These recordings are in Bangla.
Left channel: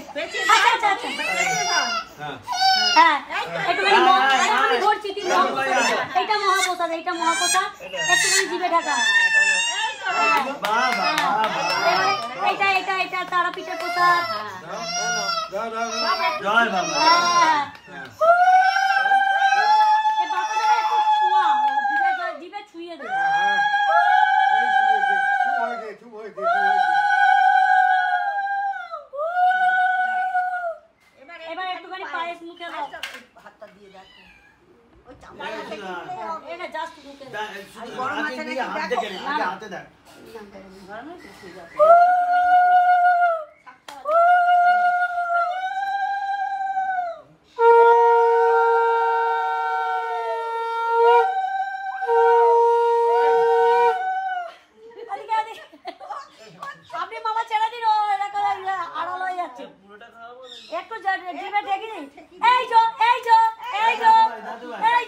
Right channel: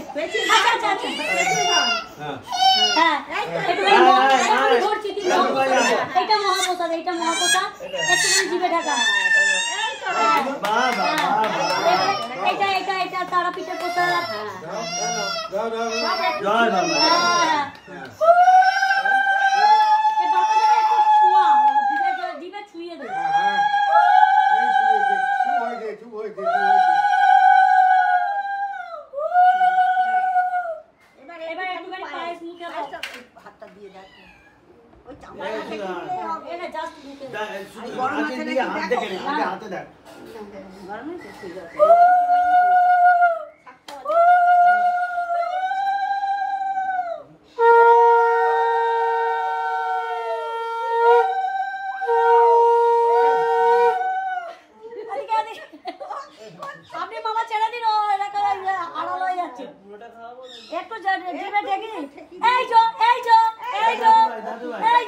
আচ্ছা আচ্ছা হ্যাঁ একটুখানি ধরছি এইটা মহাপ্রসাদ একটুখানি জিভে ঢাকা এটা এটা এটা তারাপীঠের প্রসাদ জিভে ছুঁয়ে দেবে এবার একটুখানি পায়েস মুখে হাতটা দিয়ে দেখো এটা জাস্ট মুখে হাতে দেখ গরমে তো যাচ্ছে একটু জিভে দেখি এই যো দাদু ভাই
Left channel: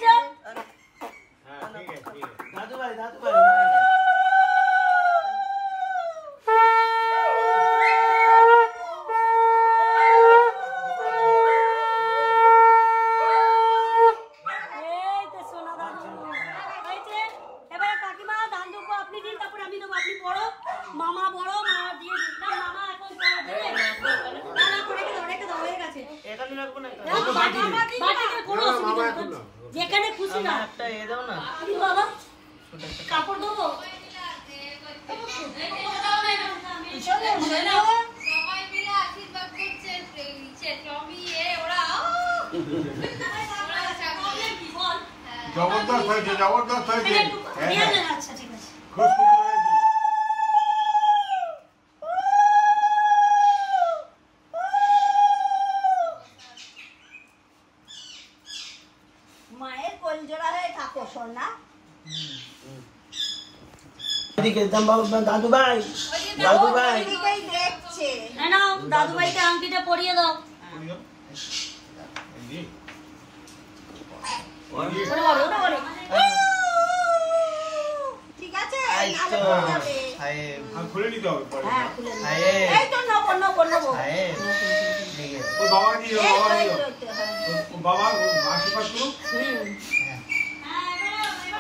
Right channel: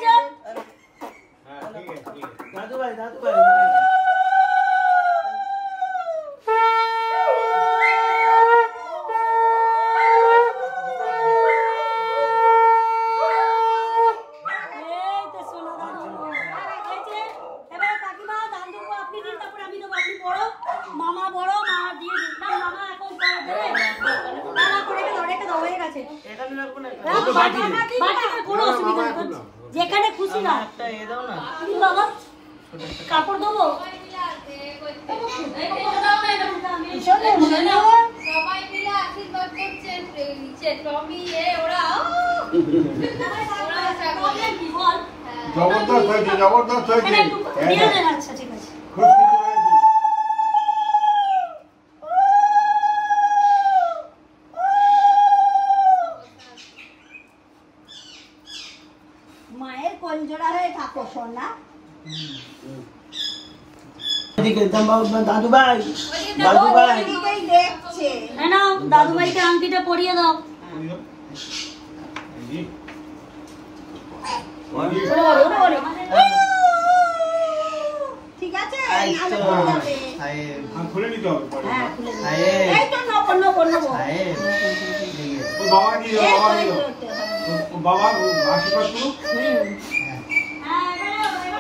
এবার কাকিমা দান দেবো আপনি দিন তারপরে আমি দেবো আপনি বড় মামা দিয়ে মামা এখন যেখানে খুশি না একটা এ দাও না বাবা কাপড় দেবো সবাই মিলে আশীর্বাদ করছে নিচে টমি ওরা জবরদস্ত হয়েছে আচ্ছা ঠিক আছে মায়ের কলজোড়া হয়ে থাকো সোনা দাদু ভাই দেখছে না দাদু ভাইকে আংটিটা পরিয়ে দাও ঠিক আছে খুলে নিতে হবে বাবা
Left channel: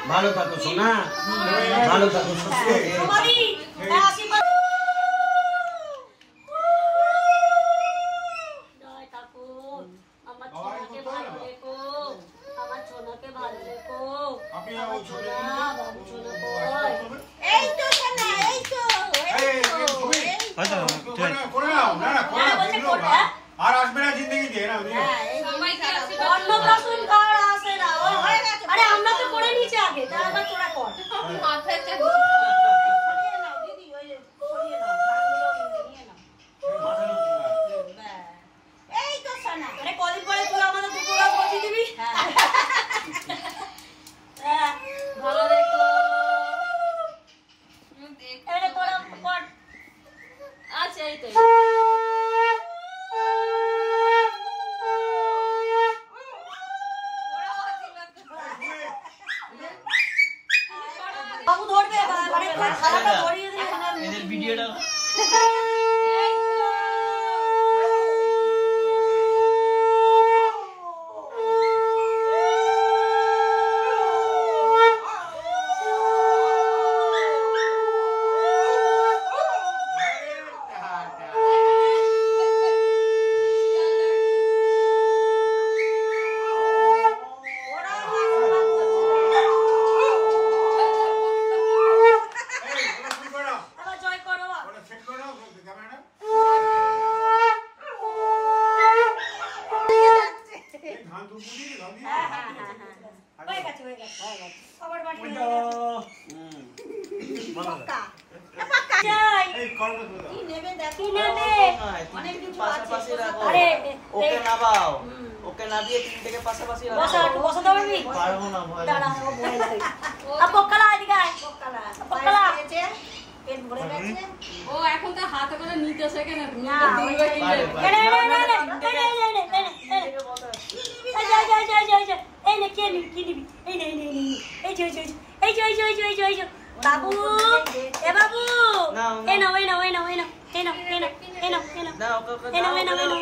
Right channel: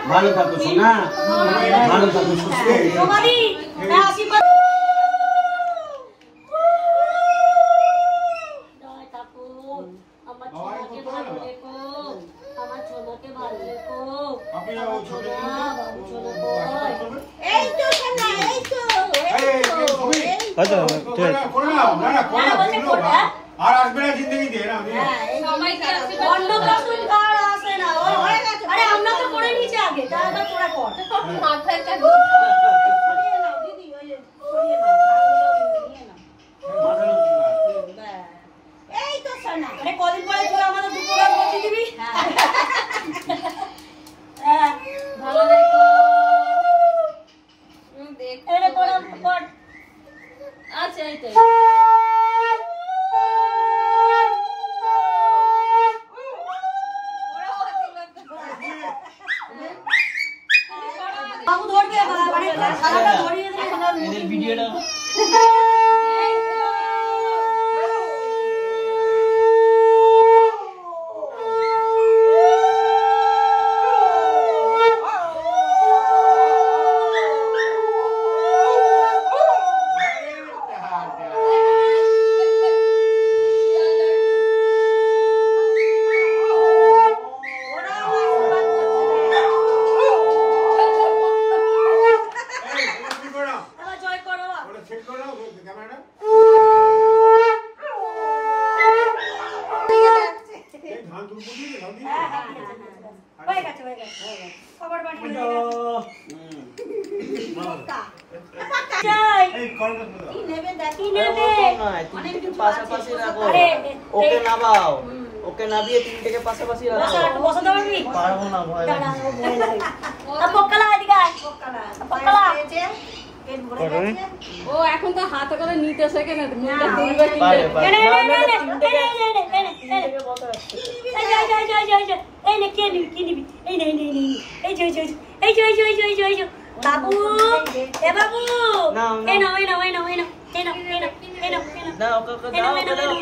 ভালো থাকো সোনা ভালো থাকো সুস্থ আমার ছোনাকে ভালো রেখো আর আসবে না জিন্দগিতে আরে আমরা তো করে নিয়েছি আগে তোরা এই তো সোনা আরে কদিন পরে তোরা আমাদের দুপুরে বসে দিবি ভালো দেখো এটা তোরা কর আচ্ছা এই তো বাবু ধরবে এদের ভিডিওটা ওকে নামাও ওকে নামিয়ে তিনটাকে পাশাপাশি রাখো বসাতে পারবি পারবো না ভয় লাগে পক্কালা এদিকে আয় পক্কালা পেট ভরে গেছে ও এখন তো হাতে করে নিতে শেখে না মুখটা তুলবে এই নে কে নিবি এই নে এই যে বাবু এ বাবু এই নাও না ওকে ওকে দাও ওকে দাও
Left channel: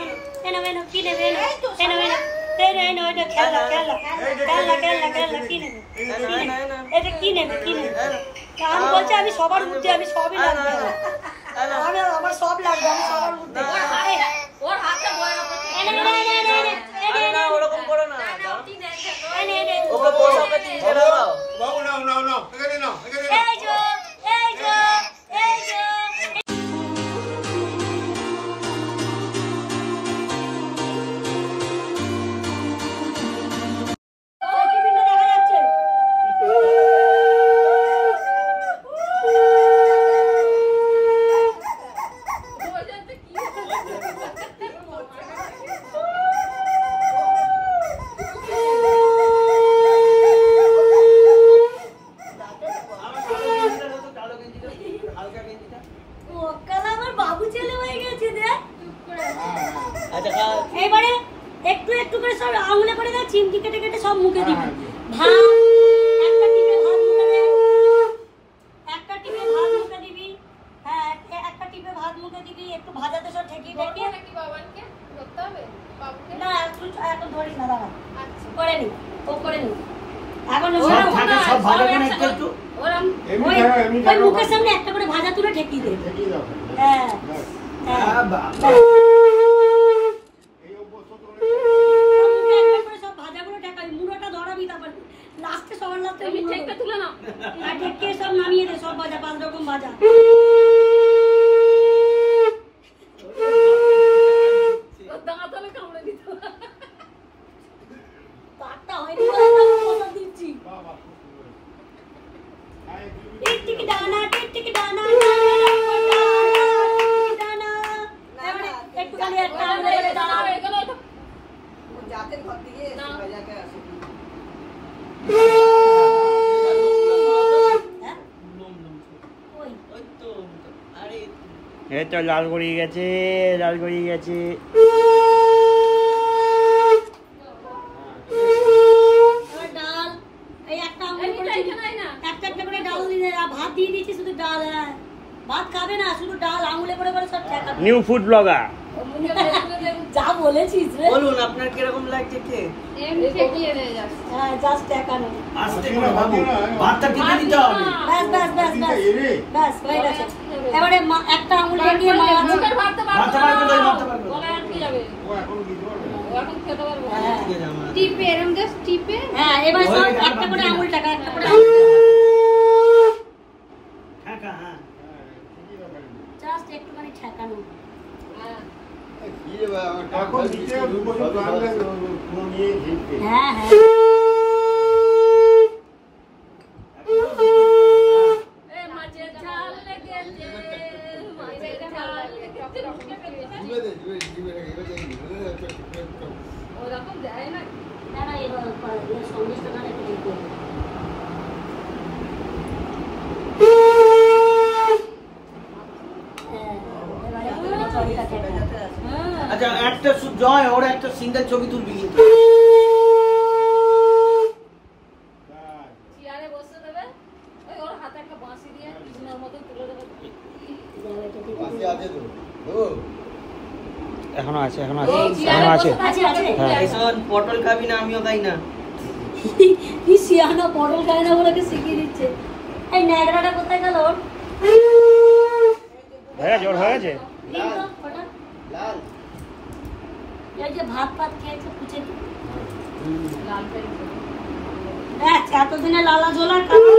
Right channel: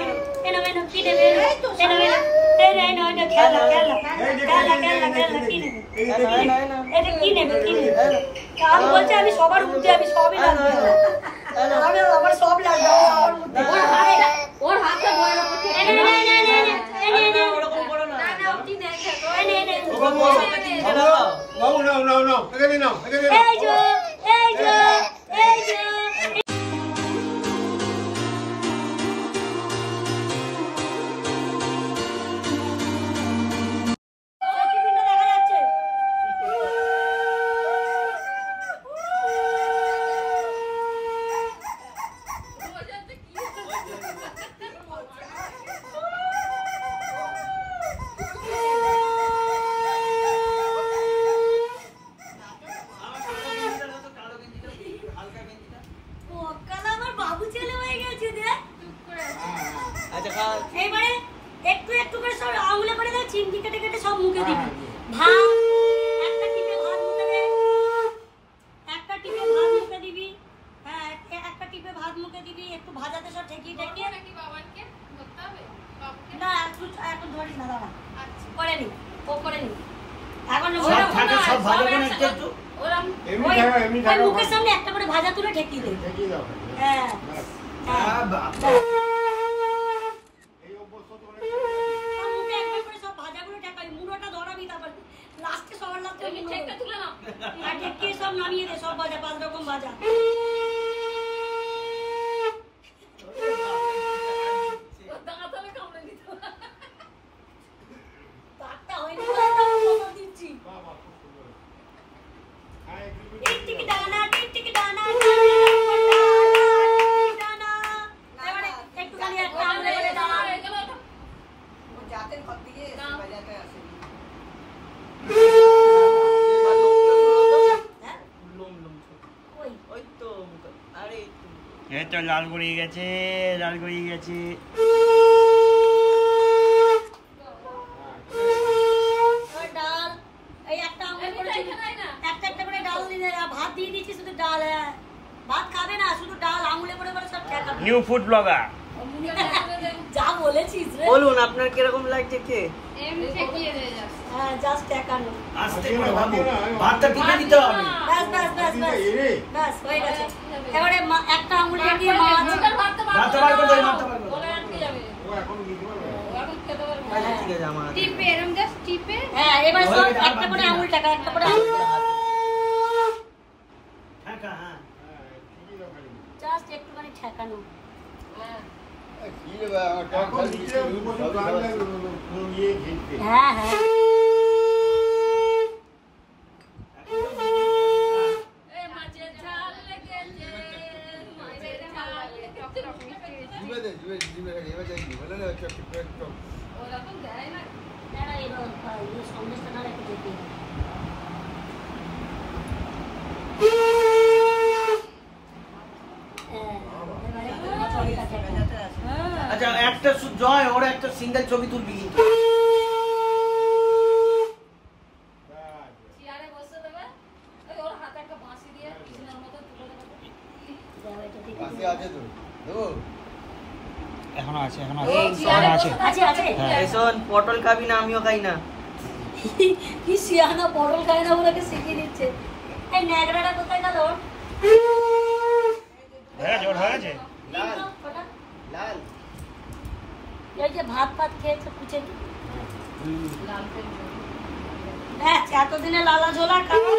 আমি বলছি আমি সবার উঠে আমি সবই লাগবে আমি আমার সব লাগবে ওর হাতে ওরকম করো না ওকে বসাকে চিনি দাও বাবু নাও এখানে নাও এবারে একটু একটু করে সব আঙুলে করে দাও চিমটি কেটে কেটে সব মুখে দিবি ভাত একটা টিপে ভাত মুখে দে একটা টিপে ভাত মুখে দিবি হ্যাঁ একটা টিপে ভাত মুখে দিবি একটু ভাজাতে সব ঠেকিয়ে ঠেকিয়ে নাকি বাবাকে ধরতে হবে বাবাকে না একটু ধরিস না দাঁড়া করে নি ও করে নি এখন সব ভাজা করে একটু এমনি মুখের সামনে একটা করে ভাজা তুলে ঠেকিয়ে দে হ্যাঁ সব নামিয়ে দে সব ভাজা 5 রকম ভাজা এই তো লাল গড়িয়ে গেছে ভাত খাবে না শুধু ডাল আঙুলে করে করে সব ঠেকা নিউ ফুড ব্লগার যা বলেছিস রে বলুন আপনার কিরকম লাগছে কে এমনি ঠেকিয়ে নে যাস হ্যাঁ জাস্ট ঠেকা নে আস্তে করে বাবু ভাতটা টিপে দিতে হবে বাস হয়ে গেছে এবারে একটা আঙুল দিয়ে মা ভাতটা বার করে দাও ভাতটা বার করে দাও ও এখন বুঝতে পারবে ঠিক আছে আমার টিপে এরকম জাস্ট টিপে হ্যাঁ এবার সব একটা করে আঙুল টাকা একটা করে আঙুল ঢাকা হ্যাঁ জাস্ট একটুখানি ঠেকানো হ্যাঁ হ্যাঁ আচ্ছা একটা জয় ওর একটা সিঙ্গেল ছবি তুলবি কিন্তু এখনো আছে পটল খাবি না আমিও খাই না কি শিয়ানা পটল খায় না বলে শিখিয়ে দিচ্ছে এই ন্যাকড়াটা কোথায় গেল এই যে ভাত খেয়েছে পুছে এতদিনে লালা ঝোলা খাবো